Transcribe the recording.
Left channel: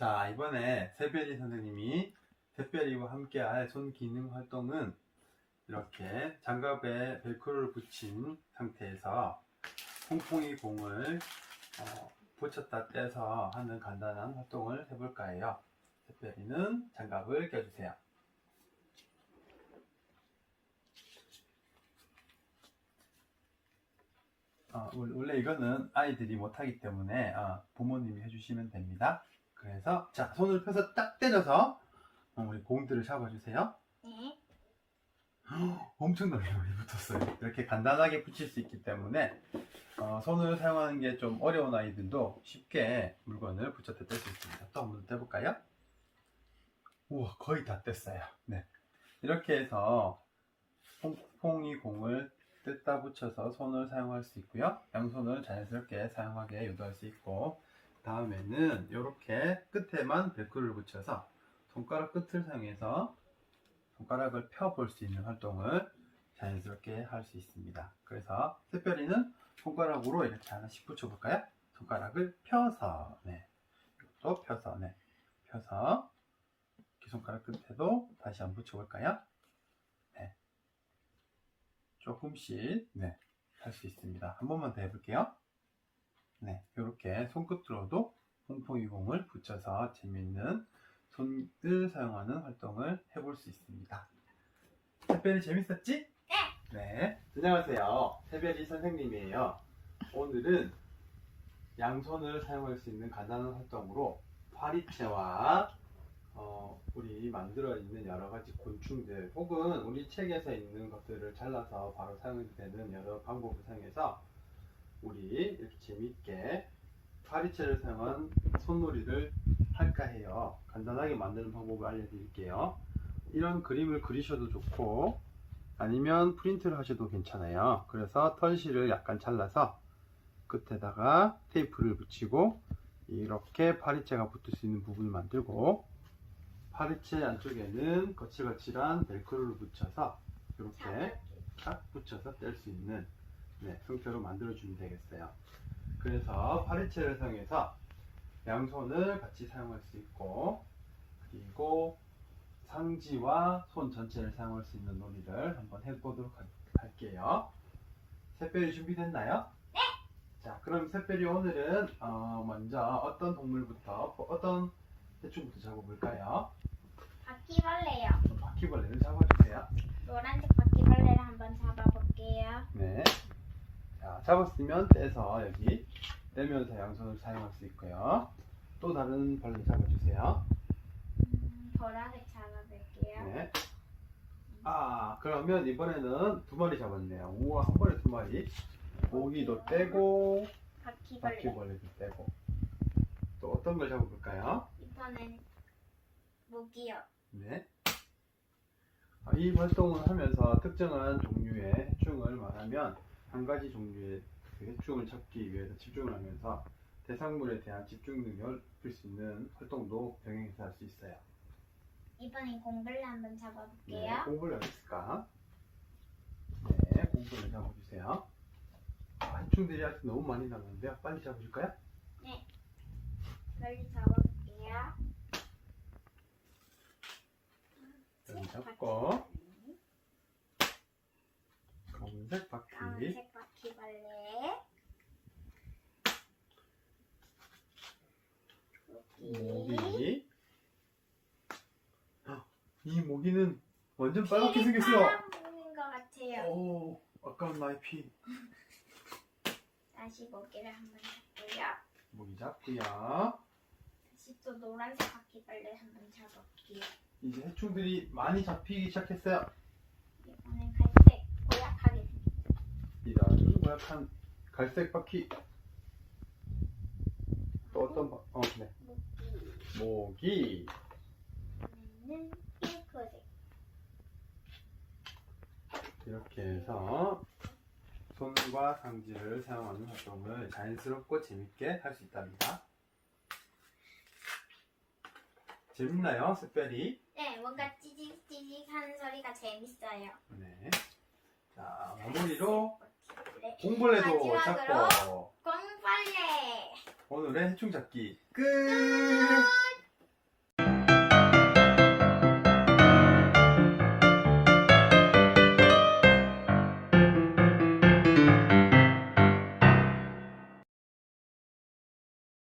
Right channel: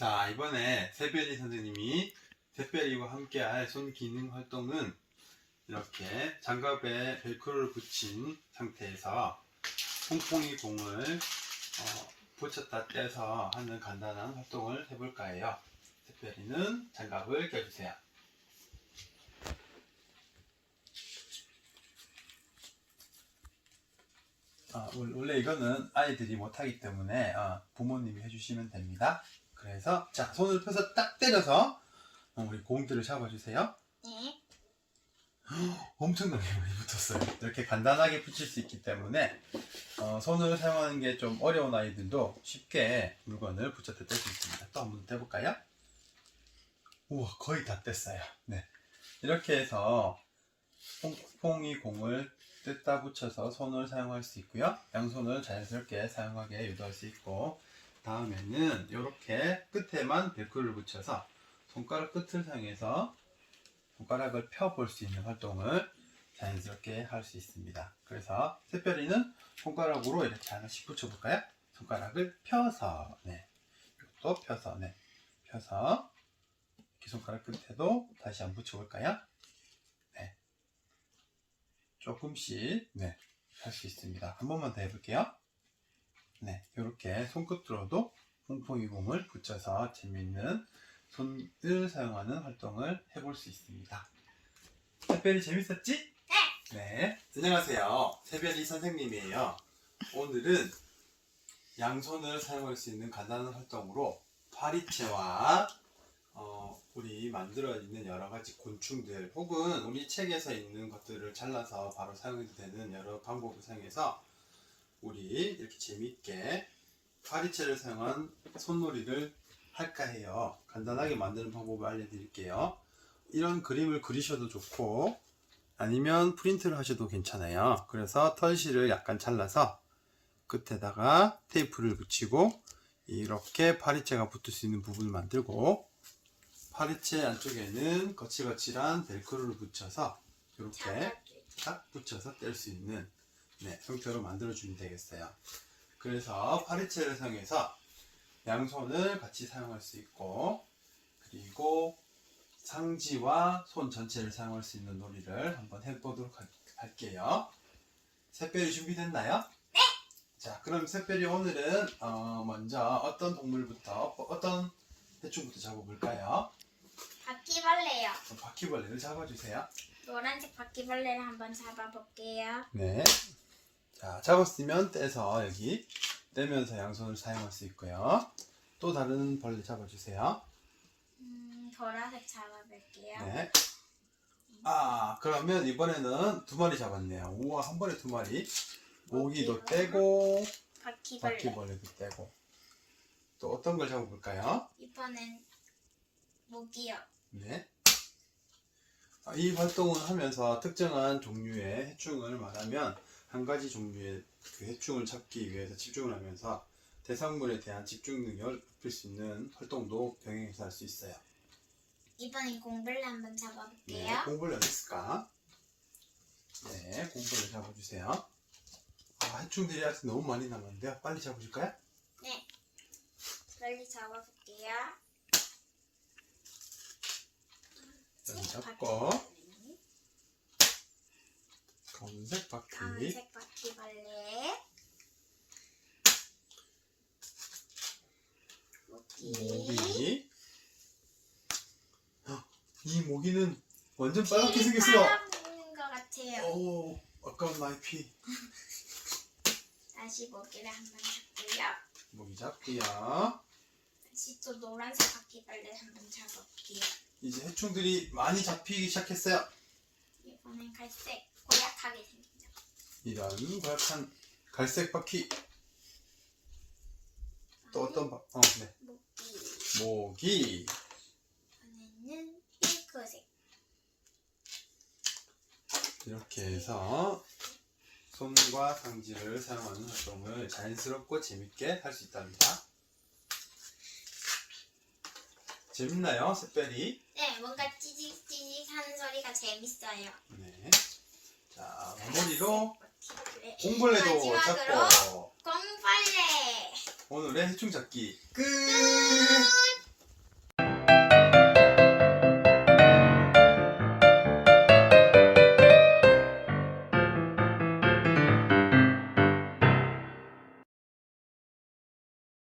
이번에 새별이 선생님이 새별이와 함께 할 손 기능 활동은 이렇게 장갑에 벨크로를 붙인 상태에서 퐁퐁이 공을 어, 붙였다 떼서 하는 간단한 활동을 해볼까 해요. 새별이는 장갑을 껴주세요. 어, 원- 원래 이거는 아이들이 못하기 때문에 어, 부모님이 해주시면 됩니다. 그래서 자 손을 펴서 딱 때려서 어, 우리 공들을 잡아주세요. 네. 엄청나게 많이 붙었어요. 이렇게 간단하게 붙일 수 있기 때문에 어, 손을 사용하는 게 좀 어려운 아이들도 쉽게 물건을 붙였다 뗄수 있습니다. 또 한번 떼볼까요? 우와 거의 다 뗐어요. 네 이렇게 해서 퐁퐁이 공을 뜯다 붙여서 손을 사용할 수 있고요. 양손을 자연스럽게 사용하게 유도할 수 있고 다음에는 이렇게 끝에만 벨크로를 붙여서 손가락 끝을 사용해서 손가락을 펴볼 수 있는 활동을 자연스럽게 할 수 있습니다. 그래서 새별이는 손가락으로 이렇게 하나씩 붙여볼까요? 손가락을 펴서, 네. 이것도 펴서, 네. 펴서, 이렇게 손가락 끝에도 다시 한번 붙여볼까요? 네. 조금씩, 네. 할 수 있습니다. 한 번만 더 해볼게요. 네. 이렇게 손끝으로도 퐁퐁이 공을 붙여서 재밌는 손을 사용하는 활동을 해볼 수 있습니다. 새별이 재밌었지? 네. 네. 안녕하세요. 새별이 선생님이에요. 오늘은 양손을 사용할 수 있는 간단한 활동으로 파리채와 어, 우리 만들어 있는 여러 가지 곤충들 혹은 우리 책에서 있는 것들을 잘라서 바로 사용해도 되는 여러 방법을 사용해서 우리 이렇게 재밌게 파리채를 사용한 손놀이를 할까 해요. 간단하게 만드는 방법을 알려드릴게요. 이런 그림을 그리셔도 좋고 아니면 프린트를 하셔도 괜찮아요. 그래서 털실을 약간 잘라서 끝에다가 테이프를 붙이고 이렇게 파리채가 붙을 수 있는 부분을 만들고 파리채 안쪽에는 거칠거칠한 벨크로를 붙여서 이렇게 딱 붙여서 뗄 수 있는 네, 형태로 만들어 주면 되겠어요. 그래서 파리채를 사용해서 양손을 같이 사용할 수 있고 그리고 상지와 손 전체를 사용할 수 있는 놀이를 한번 해보도록 할- 할게요. 새별이 준비됐나요? 네. 자, 그럼 새별이 오늘은 어, 먼저 어떤 동물부터 어떤 해충부터 잡아볼까요? 바퀴벌레요. 그럼 바퀴벌레를 잡아주세요. 노란색 바퀴벌레를 한번 잡아볼게요. 네. 자, 잡았으면 떼서 여기 떼면서 양손을 사용할 수 있고요. 또 다른 벌레 잡아주세요. 음, 보라색 잡아볼게요. 네. 아, 그러면 이번에는 두 마리 잡았네요. 우와, 한 번에 두 마리. 모기도 떼고, 바퀴벌레. 바퀴벌레도 떼고. 또 어떤 걸 잡아볼까요? 이번엔 모기요. 네. 아, 이 활동을 하면서 특정한 종류의 해충을 말하면 한 가지 종류의 그 해충을 찾기 위해서 집중을 하면서 대상물에 대한 집중 능력을 높일 수 있는 활동도 병행해서 할 수 있어요. 이번엔 공벌레 한번 네, 잡아볼게요. 공벌레 어디 있을까? 네, 공벌레 잡아주세요. 아, 해충들이 아직 너무 많이 남았는데요. 빨리 잡으실까요? 빨리 잡아볼게요. 여기 잡고 검은색 바퀴 검은색 바퀴벌레. 모기. 모기 헉, 이 모기는 완전 빨갛게 생겼어요 빨아먹는 것 같아요. 오 아까운 나의 피 다시 모기를 한번 잡고요. 모기 잡고요 다시 또 노란색 바퀴벌레 한번 잡아볼게요. 이제 해충들이 많이 잡히기 시작했어요 이번엔 갈색. 고약한 갈색 바퀴 또 어떤 바... 어, 네. 모기. 이번에는 핑크색. 이렇게 해서 손과 상지를 사용하는 활동을 자연스럽고 재밌게 할 수 있답니다 재밌나요, 샛별이? 네, 뭔가 찌직찌직 하는 소리가 재밌어요. 네. 자, 마무리로. 공벌레도 마지막으로 잡고 공벌레. 오늘의 해충 잡기 끝!